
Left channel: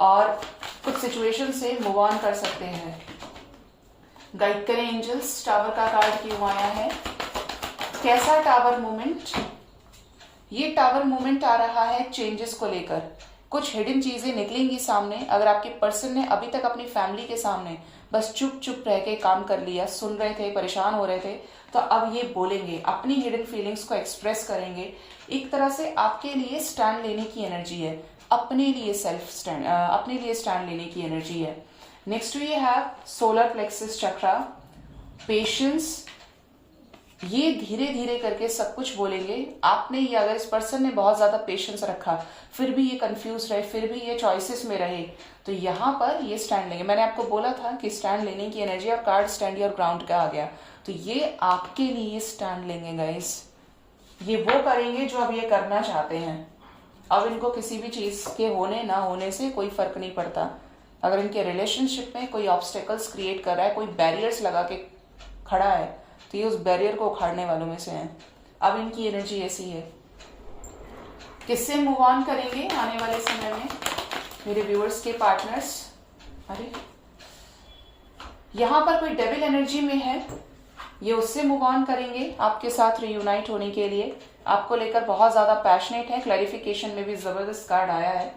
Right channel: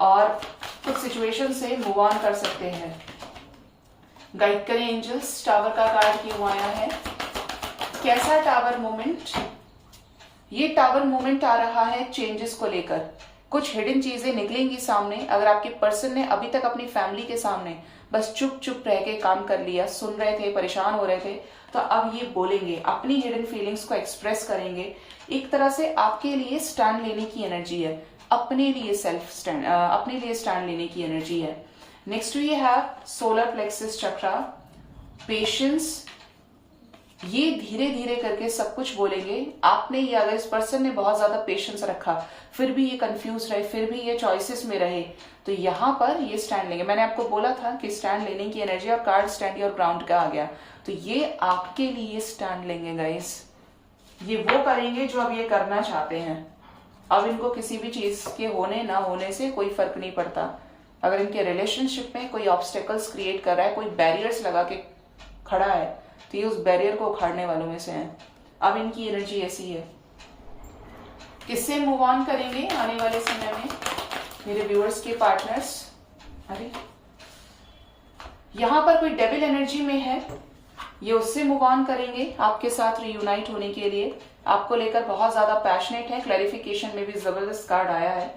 और कुछ सिचुएशन से मूव ऑन कर सकते हैं। गाइड करें एंजल्स, टावर का कार्ड क्यों आया है, कैसा टावर मूवमेंट? ये टावर मूवमेंट आ रहा है चेंजेस को लेकर, कुछ हिडन चीजें निकलेंगी सामने। अगर आपके पर्सन ने अभी तक अपनी फैमिली के सामने बस चुप चुप रह के काम कर लिया, सुन रहे थे, परेशान हो रहे थे, तो अब ये बोलेंगे, अपनी हिडन फीलिंग्स को एक्सप्रेस करेंगे। एक तरह से आपके लिए स्टैंड लेने की एनर्जी है, अपने लिए सेल्फ स्टैंड, अपने लिए स्टैंड लेने की एनर्जी है। Next we have solar plexus chakra, patience. ये धीरे धीरे करके सब कुछ बोलेंगे। आपने ये, अगर इस पर्सन ने बहुत ज्यादा पेशेंस रखा, फिर भी ये कंफ्यूज रहे, फिर भी ये चॉइसेस में रहे, तो यहाँ पर ये स्टैंड लेंगे। मैंने आपको बोला था कि स्टैंड लेने की एनर्जी, और कार्ड स्टैंड योर ग्राउंड का आ गया, तो ये आपके लिए स्टैंड लेंगे गाइस। ये वो करेंगे जो अब ये करना चाहते हैं। अब इनको किसी भी चीज के होने ना होने से कोई फर्क नहीं पड़ता। अगर इनके रिलेशनशिप में कोई ऑब्स्टेकल्स क्रिएट कर रहा है, कोई बैरियर्स लगा के खड़ा है, तो ये उस बैरियर को उखाड़ने वालों में से हैं। अब इनकी एनर्जी ऐसी है। किससे मूव ऑन करेंगे आने वाले समय में मेरे व्यूअर्स के पार्टनर्स? अरे यहां पर कोई डेविल एनर्जी में है, ये उससे मूव ऑन करेंगे आपके साथ रियूनाइट होने के लिए। आपको लेकर बहुत ज्यादा पैशनेट है। क्लैरिफिकेशन में भी जबरदस्त कार्ड आया है।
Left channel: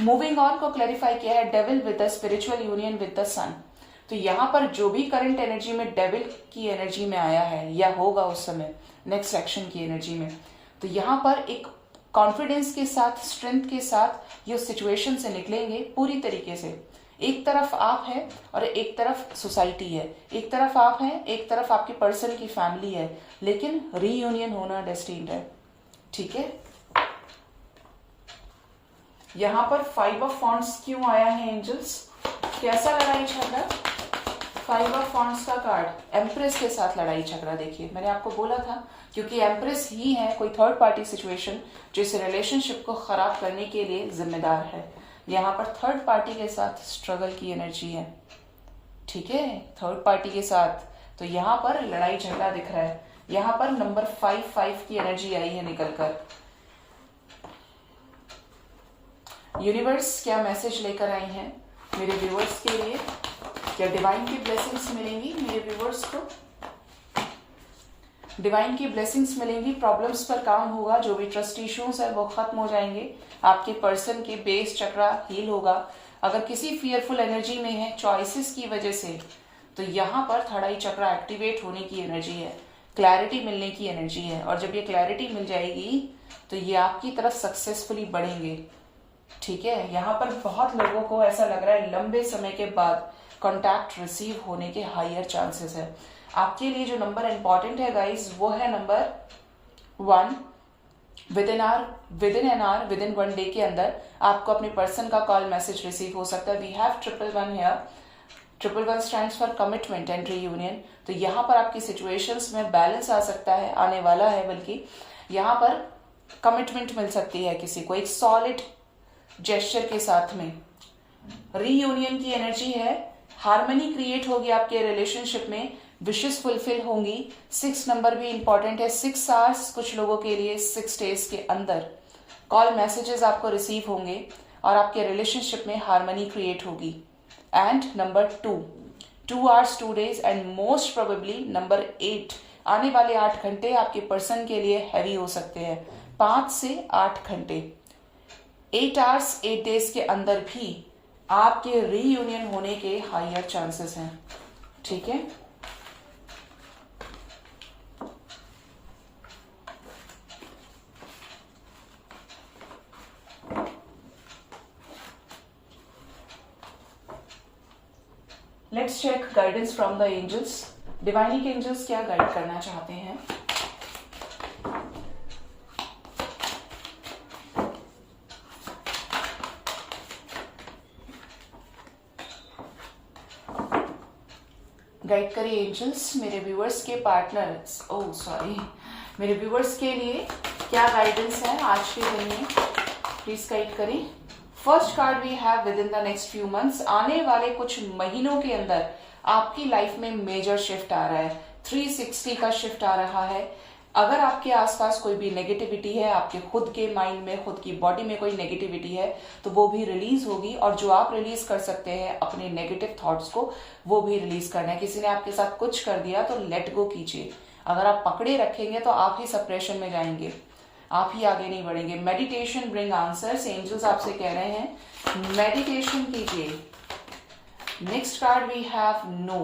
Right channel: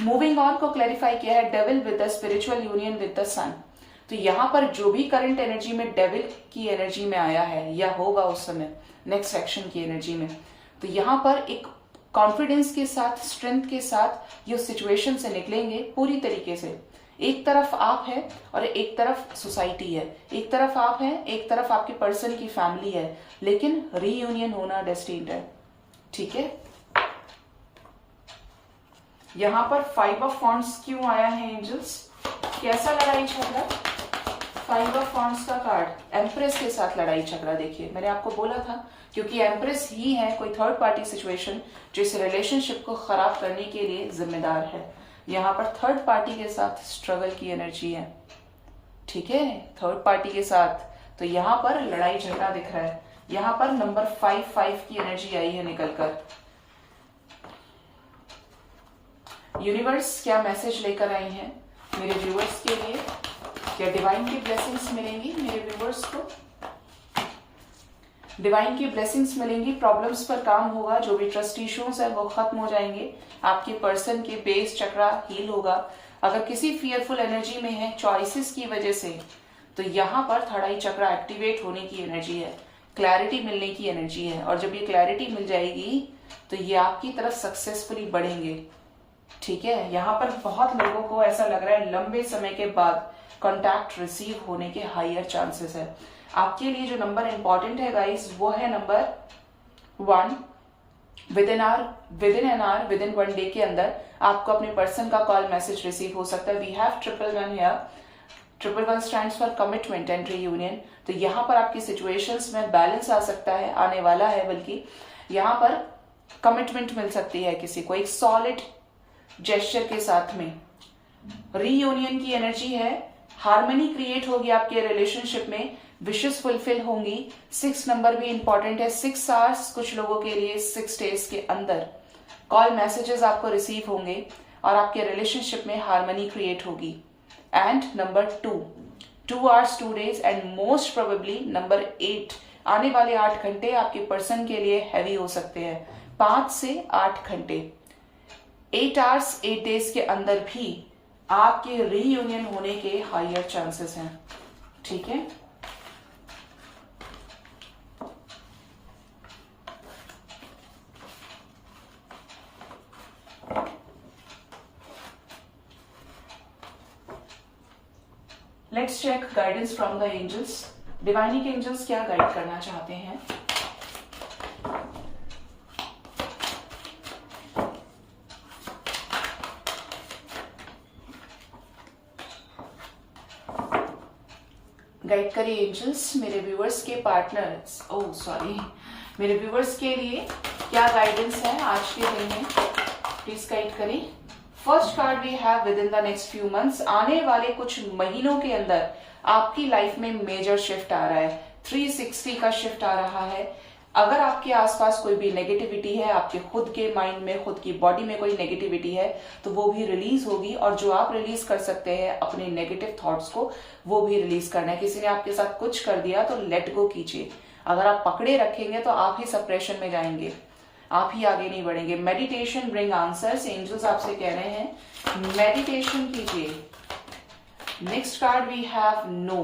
मूविंग ऑन को क्लैरिफाई किया है devil with the spiritual union with the sun. तो यहाँ पर जो भी करंट एनर्जी में डेविल की एनर्जी में आया है या होगा उस समय नेक्स्ट सेक्शन की एनर्जी में, तो यहाँ पर एक कॉन्फिडेंस के साथ, स्ट्रेंथ के साथ ये सिचुएशन से निकलेंगे पूरी तरीके से। एक तरफ आप है और एक तरफ सोसाइटी है, एक तरफ आप हैं, एक तरफ आपके पर्सन की फैमिली है, लेकिन रीयूनियन होना डेस्टिन्ड है। ठीक है, यहां पर 5 ऑफ वॉन्ड्स क्यों आया है एंजल्स? कैसा लड़ाई झगड़ा? फाइव ऑफ वॉन्ड्स का कार्ड, एम्प्रेस के साथ लड़ाई झगड़ा। देखिए मैंने आपको बोला था, क्योंकि एम्प्रेस ही है कोई थर्ड पार्टी सिचुएशन जो इस रिलेशनशिप को खराब करने के लिए जिम्मेदार है। यहाँ पर थर्ड पार्टी के साथ स्ट्रगल की एनर्जी है, ठीक है, थर्ड पार्टी के साथ। तो यहाँ पर लड़ाई झगड़ा दिख रहा है। यहाँ पर नंबर 5 की एनर्जी आई है निकलकर। यूनिवर्स क्या मैसेज लेकर आई हैं मेरे व्यूअर्स के लिए? क्या डिवाइन की ब्लेसिंग्स मिलेंगी मेरे व्यूअर्स को? डिवाइन की ब्लेसिंग्स मिलेंगी, प्रॉब्लम्स पर काम होगा, जो भी ट्रस्ट इश्यूज है वो खत्म हो जाएंगे, आपके पर्सन के बेस चक्रा हील होगा। अगर किसी फियरफुल एनर्जी में है चॉइसेस की वजह से, तो यहाँ पर थर्ड आई चक्रा एक्टिवेट होने की एनर्जी है, क्लैरिटी मिलने की एनर्जी है। और जब ये क्लैरिटी मिल जाएगी तो ये आपकी तरफ सक्सेसफुली बढ़ेंगे, ठीक है। यहाँ पर बहुत लोगों को ऐसा लग रहा है लंबे समय के बाद कॉन्टैक्ट रिसीव होने के हायर चांसेस है। आपके लिए जो नंबर इंपॉर्टेंट है गाइस, वो है number 1। With in an hour, with in 1 day के अंदर आपको अपने पर्सन का कॉल मैसेज रिसीव हो सकता है। We have 111 here. 111 stands for commitment and reunion. तो यहाँ पर आपकी सिचुएशंस में बैलेंस आ सकता है, आने वाला है, बल्कि यहाँ पर कमिटमेंट मिल सकती है किसी को एक सॉलिड जेस्चर के साथ में। रीयूनियन की एनर्जी है, हार्मनी क्रिएट होगी आपके रिलेशनशिप में, विशेष फुलफिल होंगी। 6 नंबर भी इंपॉर्टेंट है। 6 आवर्स कुछ लोगों के लिए 6 डेज के अंदर कॉल मैसेजेस आपको रिसीव होंगे और आपके रिलेशनशिप में हार्मनी क्रिएट होगी। And number 2 hours 2 days and most probably number 8, आने वाले 8 घंटे आपके पर्सन के लिए हैवी हो सकते हैं। 5 से 8 घंटे, 8 आवर्स 8 डेज के अंदर भी आपके रीयूनियन होने के हायर चांसेस हैं, ठीक है। Let's check guidance from the angels. डिवाइनिक एंजल्स क्या गाइड करना चाहते हैं? गाइड करिए एंजल्स मेरे व्यूअर्स के पार्टनर्स, मेरे व्यूअर्स के लिए क्या गाइडेंस है आज के दिन में, प्लीज गाइड करें। First card we have within the next few months, आने वाले कुछ महीनों के अंदर आपकी लाइफ में मेजर शिफ्ट आ रहा है, 360 का शिफ्ट आ रहा है। अगर आपके आसपास कोई भी नेगेटिविटी है, आपके खुद के माइंड में, खुद की बॉडी में कोई नेगेटिविटी है, तो वो भी रिलीज होगी। और जो आप रिलीज कर सकते हैं अपने नेगेटिव थॉट्स को, वो भी रिलीज करना है। किसी ने आपके साथ कुछ कर दिया तो लेट गो कीजिए। अगर आप पकड़े रखेंगे तो आप ही सप्रेशन में जाएंगे, आप ही आगे नहीं बढ़ेंगे। मेडिटेशन ब्रिंग आंसर्स, एंजल्स आपसे कह रहे हैं मेडिटेशन कीजिए। Next card we have no.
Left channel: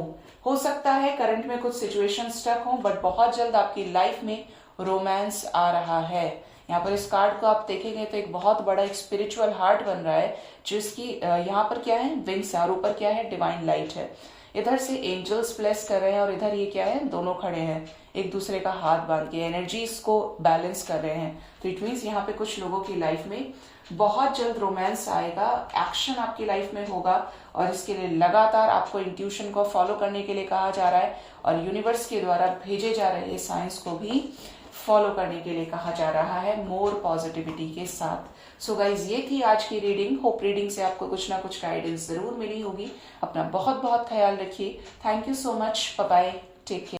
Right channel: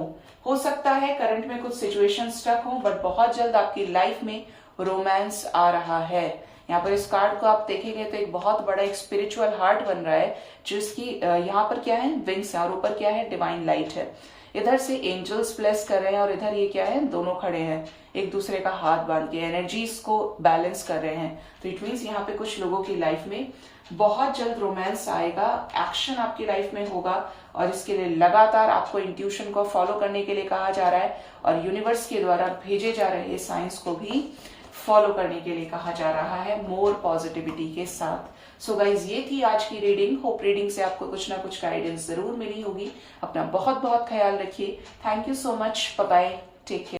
हो सकता है करंट में कुछ सिचुएशन स्टक हो, बट बहुत जल्द आपकी लाइफ में रोमांस आ रहा है। यहाँ पर इस कार्ड को आप देखेंगे तो एक बहुत बड़ा एक स्पिरिचुअल हार्ट बन रहा है, जिसकी यहाँ पर क्या है, विंग्स है, और ऊपर क्या है, डिवाइन लाइट है। इधर से एंजल्स ब्लेस कर रहे हैं और इधर ये क्या है, दोनों खड़े हैं एक दूसरे का हाथ बांध के, एनर्जीज को बैलेंस कर रहे हैं। तो इट मीन्स यहाँ पे कुछ लोगों की लाइफ में बहुत जल्द रोमांस आएगा, एक्शन आपकी लाइफ में होगा, और इसके लिए लगातार आपको इंट्यूशन को फॉलो करने के लिए कहा जा रहा है, और यूनिवर्स के द्वारा भेजे जा रहे साइंस को भी फॉलो करने के लिए कहा जा रहा है, मोर पॉजिटिविटी के साथ। सो गाइज, ये थी आज की रीडिंग। होप रीडिंग से आपको कुछ ना कुछ गाइडेंस जरूर मिली होगी। अपना बहुत बहुत ख्याल रखिए। Thank you so much, bye bye, take care.